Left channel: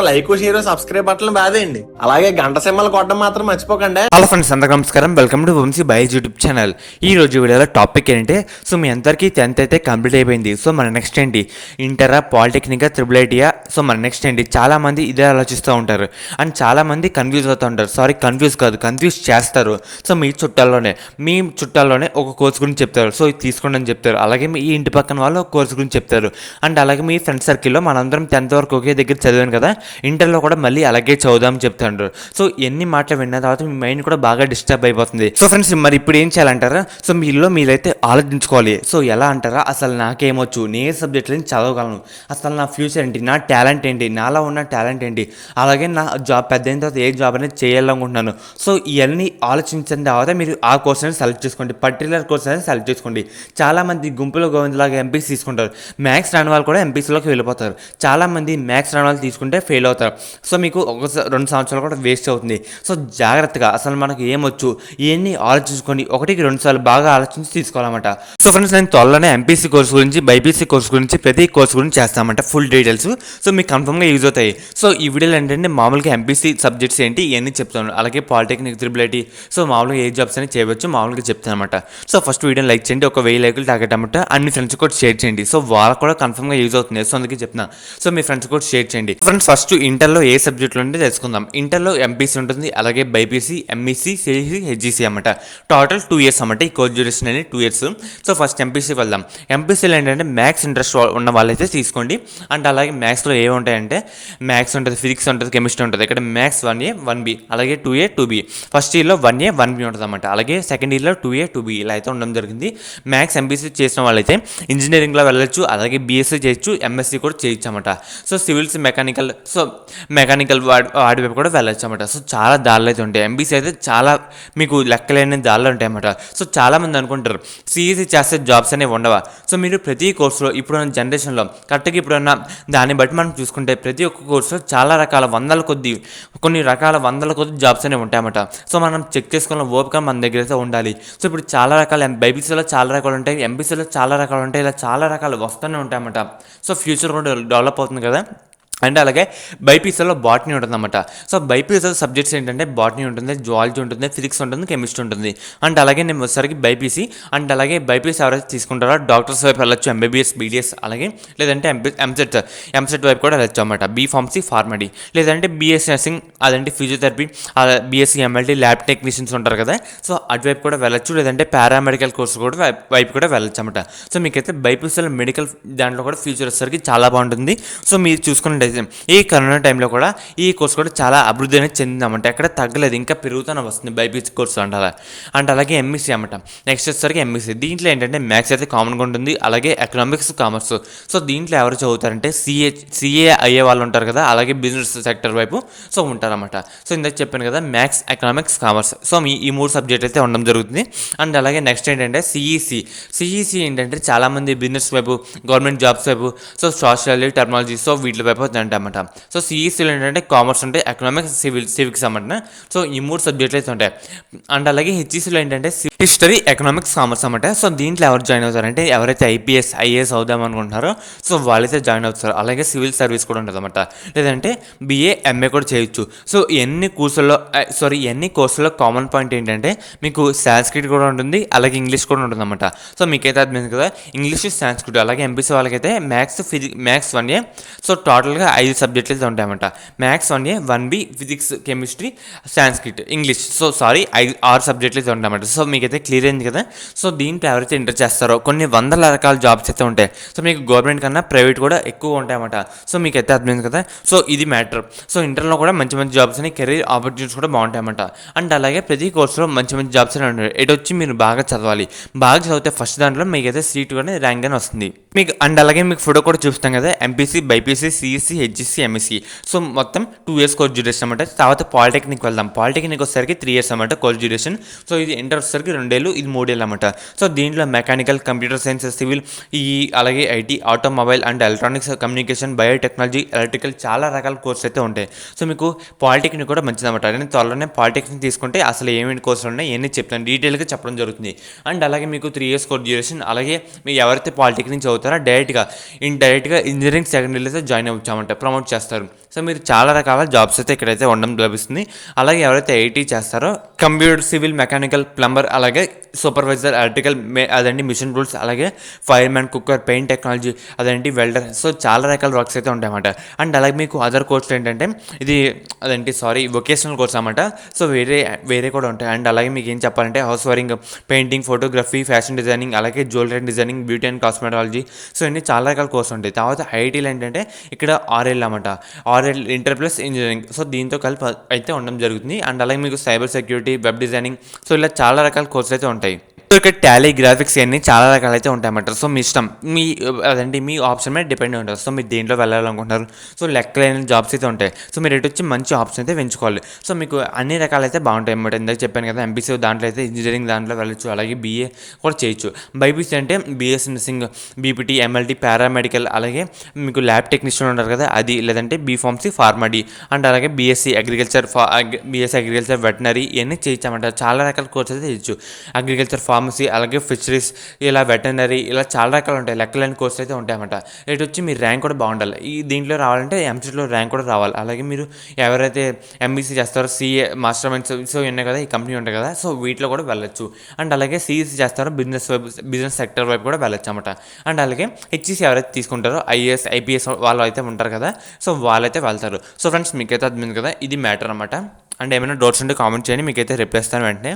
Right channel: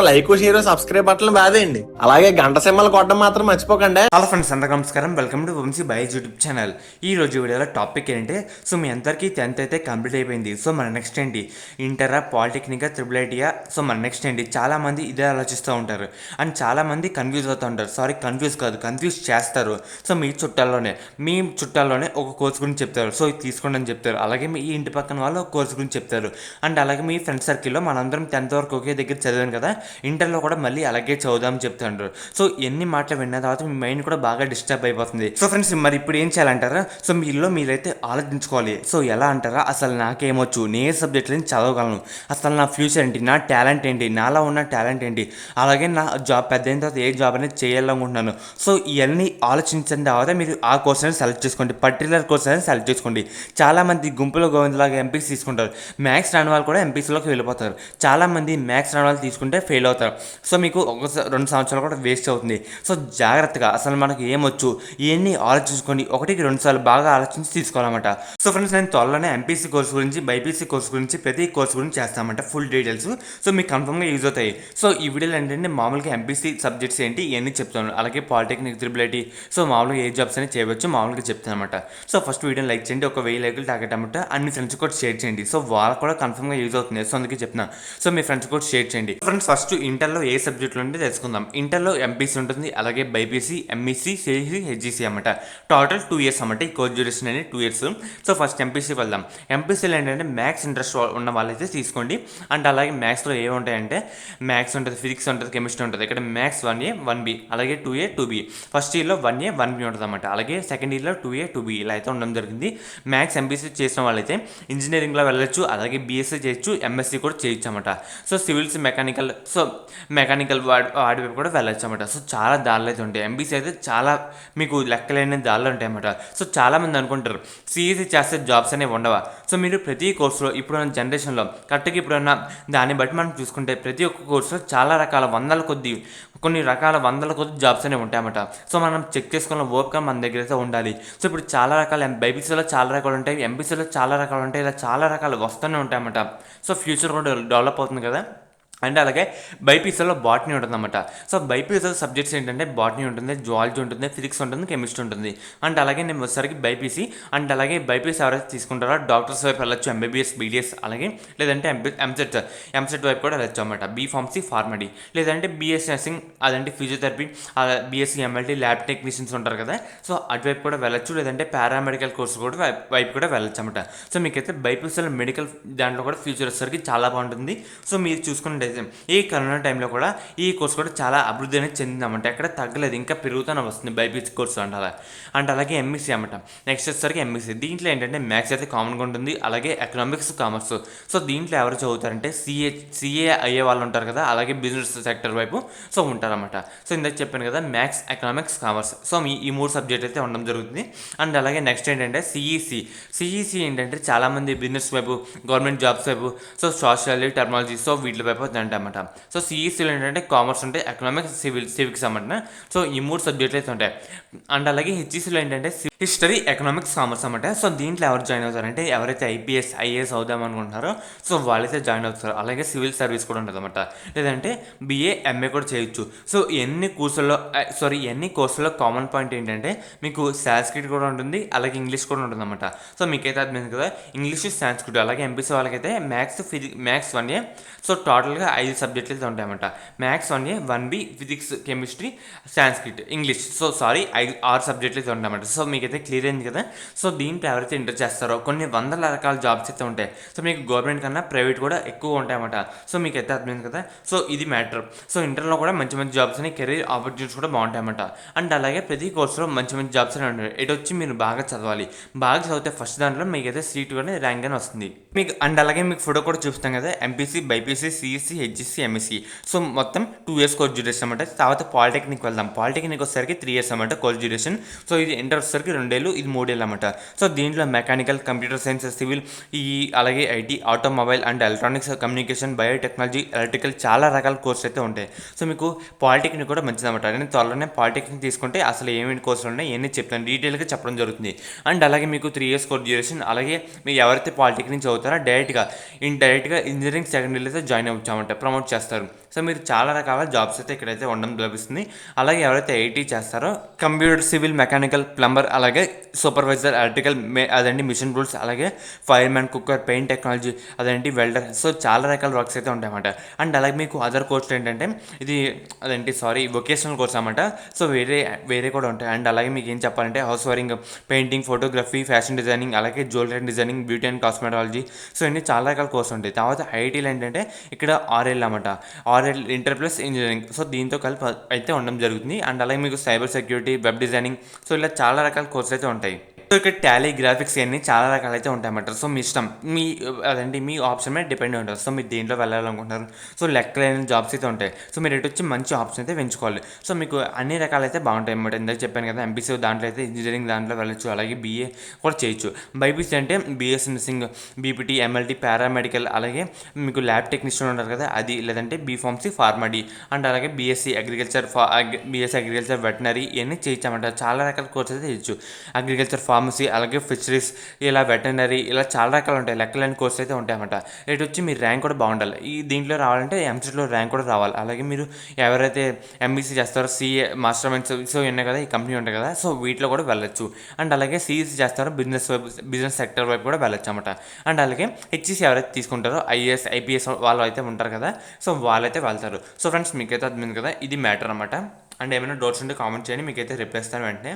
Like share subscribe button బాదేయండి. అలాగే గంట సింబల్ కొట్టడం మాత్రం మర్చిపోకండి. హలో ఫ్రెండ్స్, అందరికీ నమస్కారం. వెల్కమ్ టు వంశీ బైజ్ యూట్యూబ్ ఛానల్. ఈ రోజు వీడియోలో టాపిక్ ఏంటంటే, సో మీ అందరికీ 10th అయితే కంప్లీట్ అయిపోయింది. సో మన నెక్స్ట్ ఏంటి, ఇంటరా, పాలిటెక్నికా, త్రిబుల్ ఐటీయా, సో మన నెక్స్ట్ ఏంటి? చాలామంది ఇదే ఆలోచిస్తూ ఉంటారు అండ్ చాలామంది కన్ఫ్యూజ్ అవుతూ ఉంటారు. సారీ, కన్ఫ్యూజ్ కాదు, కన్ఫ్యూజ్ చేస్తారు. సో మీ చుట్టాల్లోనే ఒక కోర్స్ గురించి చెప్తారు, సో ఇది తీసుకోండి అని చెప్తారు. అలాగే మీ ఇంటి పక్కన వాళ్ళు ఒక కోర్స్ గురించి చెప్తారు. అండ్ అలాగే మీ ఫ్రెండ్ సర్కిల్లో మనందరం 10th వరకు ఒకే దగ్గర చదివాను కదా, ఇంటర్లో కూడా మళ్ళీ అలాగే చదువుదామని చెప్తాంటారు. సో ఎన్ని మాటలు విన్న తర్వాత మీ మైండ్ కూడా బాగా డిస్టర్బ్ అయిపోతుంది. సో ఫ్రెండ్స్, మరి ఇప్పుడు ఏం చేయాలంటారా? సో మీరైతే ఆలోచించుకోవాలి. సో ఎలా అంటారా, అసలు నాకేమొచ్చు, నేను సబ్జెక్టులని చదవగలను, అసలు నా ఫ్యూచర్ ఏంటి, నా టాలెంట్ ఏంటి, నాలో ఉన్న టాలెంట్ ఏంటి, అలాగే నా జాబ్ పెద్ద అయిన తర్వాత ఏ జాబ్ అనేది చేయాలనుకుంటున్నాను. సో ఇవన్నీ ఆలోచించిన తర్వాత మీరు ఆ కోర్స్ అనేది సెలెక్ట్ చేసుకోండి, పర్టికులర్ కోర్స్ అనేది సెలెక్ట్ చేసుకోండి. చాలామంది గుంపులో గోవిందలాగా ఎంపీసీ తీసుకుంటారు, మ్యాథ్స్ రాని వాళ్ళు కూడా ఎంపీసీలోకి వెళ్ళిపోతారు. చాలామంది మ్యాథ్స్ రాని వాళ్ళు తీసుకుంటే ఫెయిల్ అవుతారు. సో మీకు 2 సంవత్సరాలు కూడా వేస్ట్ అవుతుంది. సో జాగ్రత్తగా అసలు మనకు ఏమొచ్చు ఇవన్నీ ఆలోచించుకోండి, 1-2 సార్లు బాగా ఆలోచించి తీసుకోవాలన్నమాట. సో ఫ్రెండ్స్, నేను త్వరలోనే ఎంపీసీ కోర్స్ గురించి, బైపీసీ కోర్స్ గురించి, ప్రతి కోర్స్ గురించి చేస్తామంట ఫుల్ డీటెయిల్స్. సో మీకు కన్ఫర్మ్గా యూజ్ అవుతాయి. సో ఈ వీడియోలో ఏంటంటే మామూలుగా ఎంపీసీ సబ్జెక్ట్స్ ఏంటి ఇవన్నీ చెప్తాను, అలాగే పాలిటెక్నిక్, త్రిబుల్ ఐటీ, సో మామూలుగా ఏ జాబ్స్ అని చేయవచ్చు మామూలుగా చెప్తాను అనమాట. సో ఫస్ట్ వీడియోని లైక్ చేయండి, 1000 లైకులు టార్గెట్ అనమాట. అన్ని ఫ్రెండ్స్ కూడా షేర్ చేయండి, సో వాళ్ళకు కూడా కన్ఫర్మ్గా యూజ్ అవుతుంది. సో అందుకే చెప్తున్నాను, సో మీ ఫ్రెండ్స్ కూడా షేర్ చేయండి. ఫ్రెండ్స్, ఫస్ట్ ఇంటర్లో ఏ సబ్జెక్టులు ఉంటే తెలుసుకుందాం. ఇంటర్లో ఎంపీసీ ఉంటుంది, అలాగే బైపీసీ, ఎంఈసీ, సిఈసీ, హెచ్ఈసీ అన్నమాట. టోటల్ 2 years అన్నమాట. ఈ కోర్స్ డ్యూరేషన్ అనేది 2 years. సో ఫస్ట్ ఎంపీసీ వెళ్దాం. ఎంపీసీలో ఏంటంటే మ్యాథ్స్ ఇంట్రెస్ట్ ఉన్న వాళ్ళైతే తీసుకోండి. అండ్ అలాగే మ్యాథ్స్లో ఏమి ఉంటాయంటే, మ్యాథ్స్ ఉంటుంది, ఫిజిక్స్ ఉంటుంది, కెమిస్ట్రీ ఉంటుంది. ఇక్కడ మ్యాథ్స్ 1A 1B, అలాగే 2A 2B. ఫస్ట్ ఇయర్లో 1A 1B ఉంటుంది అన్నమాట. అలాగే సెకండ్ ఇయర్లో 2A 2B ఇలా అయితే ఉండడం జరిగింది. మ్యాథ్స్ ఎంపీసీ చేసిన వాళ్ళైతే ఇంజనీరింగ్లో వెళ్ళొచ్చు, అలాగే బీఎస్సీ చేయొచ్చు, ఎంఎస్సీ కూడా చేయొచ్చు అన్నమాట. సో సివిల్స్, మెకానికల్ వాడి వైపు కూడా వెళ్ళొచ్చు అనమాట. సో చాలా దారులు అయితే ఉంటాయి. ఎంబీసీ అయితే చాలా మీకు లెక్కలేని దారులు ఉంటాయి అన్నమాట. సో చాలామంది అనుకుంటారు సిఈసీ చేస్తే జాబ్స్ అనేవి ఉండవా. సో మీరు ప్రతి కోర్సులో ఇప్పుడున్న జనరేషన్లో కరెక్ట్గా ఇప్పుడున్న దాన్ని బట్టి మనం చూసుకుంటే ప్రతి ఒక్క కోర్సులో చాలా రకాల కొన్ని రకాల వందల కొద్ది జాబ్స్ అనేవి ఉంటాయన్నమాట. సో మనం చెక్ చేసుకున్న ఓపిక మన దగ్గర అయితే ఉండాలి. సో ఇప్పుడు చాలా రకాల బైపీసీలో చాలా రకాలు ఉంటాయి, ఎంపీసీలో చాలా రకాలు ఉంటాయి, ఇలా చాలా రకాలు వస్తూనే ఉంటాయన్నమాట. సో ఫ్యూచర్ కూడా డెవలప్ అవుతుంది కదా. అండ్ అలాగే బైపీసీలో బాటనీ ఉంటుందన్నమాట. సో బైపీసీ సబ్జెక్ట్స్ ఏంటంటే బాటనీ ఉంటుంది, జువాలజీ ఉంటుంది, ఫిజిక్స్ ఉంటుంది, కెమిస్ట్రీ ఉంటుంది. అండ్ అలాగే నేను వచ్చేసరికి బైపీసీ, అండ్ అలాగే బైపీసీ ఎవరైతే తీసుకుంటారో డాక్టర్స్ వైపు వెళ్ళొచ్చు, ఎంబీబీఎస్, బీడీఎస్, అలాగే లేదంటే ఎంసెట్ వైపు కూడా వెళ్ళొచ్చు అనమాట. బీఫార్మసీ, ఫార్మడీ, లేదంటే బీఎస్సీ నర్సింగ్, అదంటే physiotherapy, BSc MLT, lab technicians ఉంటారు కదా, సో అటువైపు కూడా వెళ్ళొచ్చు, లేదంటే పారామెడికల్ కోర్స్ కూడా వైపు కూడా వెళ్ళొచ్చు అనమాట. సో మీకైతే బైపీసీలో మెడికల్ దాంట్లో కూడా ఫ్యూచర్ వచ్చేసరికి చాలా బాగుంటుంది. సో మీరు చూసుకున్నట్టు ఈ కరోనా టైంలో కూడా ఈ కోర్స్ కూడా చాలా అభివృద్ధి అనేది చెందిందన్నమాట. ఎక్కడ తగ్గలేదు, ఇంకా పెరుగుతూనే వస్తుంది బైపీసీ కోర్సు అంటారా. అండ్ అలాగే ఎంఈసీ అన్నమాట. నెక్స్ట్ వచ్చేసరికి ఎంఈసీ, దీంట్లో ఏంటంటే మ్యాథ్స్ అయితే కామన్గా ఉంటుంది, అలాగే ఎకనామిక్స్, కామర్స్. సో దీంట్లో ఎవరు చదువుతారంటే సిఏ అయ్యే వాళ్ళు ఉంటారు కదా, అలాగే బిజినెస్ సెక్టర్ వైపు సో ఉంటారన్నమాట. సో ఇందాక చెప్పాను కదా, మ్యాథ్స్, ఎకనామిక్స్, కామర్స్. సో ఈ 3 సబ్జెక్ట్ అయితే ఉండడం జరుగుతుంది. అండ్ అలాగే నెక్స్ట్ ఏంటంటే సిఈసి ఏంటంటే చాలామంది బిజినెస్ వైపు, గవర్నమెంట్ జాబ్స్ వైపు, సో సోషల్, టెక్నాలజీ, సో వీటి వైపు అన్నమాట. సో సిఈసీలో ఏంటంటే కామర్స్ ఉంటాయి, ఎకనామిక్స్, సివిక్స్ అన్నమాట. సో ఈ 3 సబ్జెక్టులు అయితే ఉంటాయి. అండ్ అలాగే హెచ్ఈసీలో ఏంటంటే హిస్టరీ, ఎకనామిక్స్, కామర్స్ అన్నమాట. సో దీంట్లో ఎవరు జాయిన్ అవుతారంటే ఎవరైతే ఐఏఎస్ అవుదాం అనుకుంటున్నారో సో వాళ్ళైతే జాయిన్ అవుతారు. అలాగే సివిల్ సర్వీస్ కూడా ఉంటుంది అన్నమాట, లేదంటే బీఏ, ఎంఏ కూడా చేయొచ్చు. సో ఎన్ని కోర్సుల్లో కామన్ పాయింట్ ఏంటంటే మీకు సాంస్క్రిట్ కూడా ఉంటుంది, అలాగే ఇంగ్లీష్ కూడా ఉంటుంది అన్నమాట. సో మీకైతే అర్థమైంది కదా, ఇంగ్లీష్, సాంస్క్రిట్. అలాగే ఎంపీసీ వాళ్ళకైతే మ్యాథ్స్ 1A. సో టోటల్గా 5 సబ్జెక్టులు అయితే ఉంటాయన్నమాట. Maths 1A 1B, physics, chemistry, Sanskrit, English. So 6 సబ్జెక్టులు అయితే ఉంటాయన్నమాట. సో మీకైతే క్లియర్ అయింది కదా. సో దీంట్లో ఎవరైతే ఇంటర్ చేస్తారో కొన్ని వందల రకాల జాబ్స్ అయితే ఉంటాయి. సో మీకు గవర్నమెంట్ కన్నా ప్రైవేట్ కూడా ఎక్కువ ఉంటాయన్నమాట. సో మీకైతే అర్థమైంది కదా. సో ఇది మ్యాటర్. సో ఇంటర్లో కూడా మంచి మంచి జాబ్స్ అని, కెరీర్ ఆపర్చునిటీస్ కూడా బాగుంటాయన్నమాట. అండ్ అలాగే ప్రతి కోర్సులో మంచి మంచి జాబ్స్ అని ఉంటాయి. ఇటు వచ్చి మీరు బాగా చదవాలి, బాగా చదివితే ఫస్ట్ దాంట్లో మీకైతే సీట్ కానీ ర్యాంక్ అని వస్తుంది మీకు. అండ్ అలాగే మీకు ఫోటో కూడా చూపిస్తాం కదా, MPC, BiPC, CEC, HEC, MSc. So మొత్తం 2 years కోర్స్ డ్యూరేషన్ అనమాట. తర్వాత పాలిటెక్నిక్ వెళ్దాం. పాలిటెక్నిక్ వచ్చేసరికి 3 years అనమాట కోర్స్ డ్యూరేషన్. సో ఇది ఇంటర్ వచ్చేసరికి 2 ఏళ్ళు, ఇది 3 ఏళ్ళు అనమాట. సో దీంట్లో మెకానికల్, కంప్యూటర్ సైన్స్, సివిల్, అలాగే IT, automobile and electronics, communication, biotechnology, electrical, చాలా రకాల కోర్స్ అయితే ఉంటాయి. సో మీకు పాలిటెక్నిక్ కూడా మంచిదన్నమాట. నేను త్వరలోనే పాలిటెక్నిక్ తీసుకుంటే అసలు ఏమేమి కోర్సులు ఉన్నాయి ఇవన్నీ చెప్తాను, డీటెయిల్గా చెప్పడం జరుగుతుంది. అండ్ అలాగే మీకు 3 years కోర్స్ డ్యూరేషన్. అలాగే మీరు ఎవరైతే పాలిటెక్నిక్ చదువుతారో డైరెక్ట్గా ఇంజనీరింగ్ సెకండ్ ఇయర్లో జాయిన్ అవ్వచ్చామంట, ప్రమోట్ చేస్తారు. సో మీరు చాలా రకాల జాబ్స్ అయితే ఇక్కడైతే ఉండడం లభిస్తుంది. అలాగే ఎవరైతే ఐటీ చేస్తారో కంప్యూటర్, సివిల్, మెకానికల్, ప్లంబర్, అలాగే సూపర్వైజర్, ఎలక్ట్రికల్, అదండి మిషన్ రూల్స్, అలాగే ఫైర్మ్యాన్, కుక్కర్, పెయింట్ టెక్నాలజీ, అదేంటి వెల్డర్, సో చాలా రకాల వర్క్స్ అయితే ఉంటాయన్నమాట. అండ్ అలాగే మీకు అదర్ కోర్సులు ఏంటంటే ఇది వొకేషనల్ కోర్స్ అనమాట. సో వేరే కూడా ఉంటాయి. అండ్ అలాగే మీకు ఏం చెప్పాలంటే house wiring, painting, photography, fashion designing, అలాగే jewellery designing, beauty and cosmetology, so ఇన్ని చాలా రకాల కోర్సులు ఉంటాయి. తర్వాత ఐటీలో ఏంటంటే ఇక్కడ 6 ఏళ్ళు అన్నమాట, 6 ఏళ్ళు ఇంటర్ ప్లస్ ఇంజనీరింగ్, సో దీంతో కలిపి అయితే ఉండడం జరుగుతుంది. అండ్ అలాగే మీకు cyber security, web designing, so ఇలా చాలా రకాల కోర్సులు అయితే ఉంటాయి. సో ఇక్కడ టాలీ, గ్రాఫిక్స్ ఇవన్నీ చాలా రకాలు అయితే ఉంటాయన్నమాట. సో మీ ఇష్టం, మీ ఆప్షన్ మీద డిపెండ్ ఉంటుంది. సో మీరు దేంట్లో వెళ్ళాలనుకుంటున్నారు, సో లెక్కలేని జాబ్స్ అయితే ఉంటాయి. సో మీరు ఎటు వచ్చి మంచి ఆప్షన్ అయితే ఎంచుకోవాలి. సో మీకు అన్ని రకాలు అయితే బాగుంటాయి అన్నమాట. ఇందాక చెప్పాను కదా, ఎంపీసీ దాంట్లో అయితే ఇంజనీరింగ్ దాంట్లో వెళ్ళొచ్చు, అలాగే బీఏ కూడా చేయొచ్చు. బైపీసీ అంటే BS nursing, BPT, MLT, paramedical, అలాగే మీకు ల్యాబ్ టెక్నీషియన్ ఉంటారు కదా అది, లేదంటే బీఫార్మసీ, ఫార్మడీ, అండ్ అలాగే బీఎస్సీ అగ్రికల్చర్, వెటనరీ, ఇవన్నీ చేయొచ్చన్నమాట. చాలా రకాల కోర్సెస్ అయితే చేయొచ్చు. అగ్రికల్చర్, ఫార్మసీ, అలాగే ఫిషరీస్, ఇలా వెటనరీ, ఇలా చాలా రకాలు ఉంటాయి. లెక్కలేని కోర్స్ అయితే ఉంటాయన్నమాట. ఇటు వచ్చి మీ ర్యాంక్ కూడా బాగుండాలి. దీంట్లో రావాలంటే ఎంసెట్లో ర్యాంక్ కూడా రావాలి. అలాగే మీరు ఎవరైతే ఎంబీసీ చేస్తారో, సీఏ, మాస్టర్ మైండ్స్, సో ఉన్నాయి కదా, ఈ కంపెనీ ఉంటాయి కదా, సో వీటిలో కూడా వెళ్ళొచ్చు. అండ్ అలాగే సిఈసీ చేస్తారో బిజినెస్ సెక్టర్ వైపు కూడా వెళ్ళొచ్చు అన్నమాట. అండ్ అలాగే హెచ్ఈసీ ఎవరైతే తీసుకుంటారో ఐఏఎస్, ఐపీఎస్ వాళ్ళు అయితే ఉంటారు కదా, సో వాళ్ళైతే వెళ్తారు. సో ఫ్రెండ్స్ మీకైతే అర్థమైంది కదా, ఇది మ్యాటర్ అనమాట. అండ్ ఏమైనా డౌట్స్ ఉంటే కామెంట్ చేయండి, మీకైతే రిప్లై ఇస్తాను వెంటనే.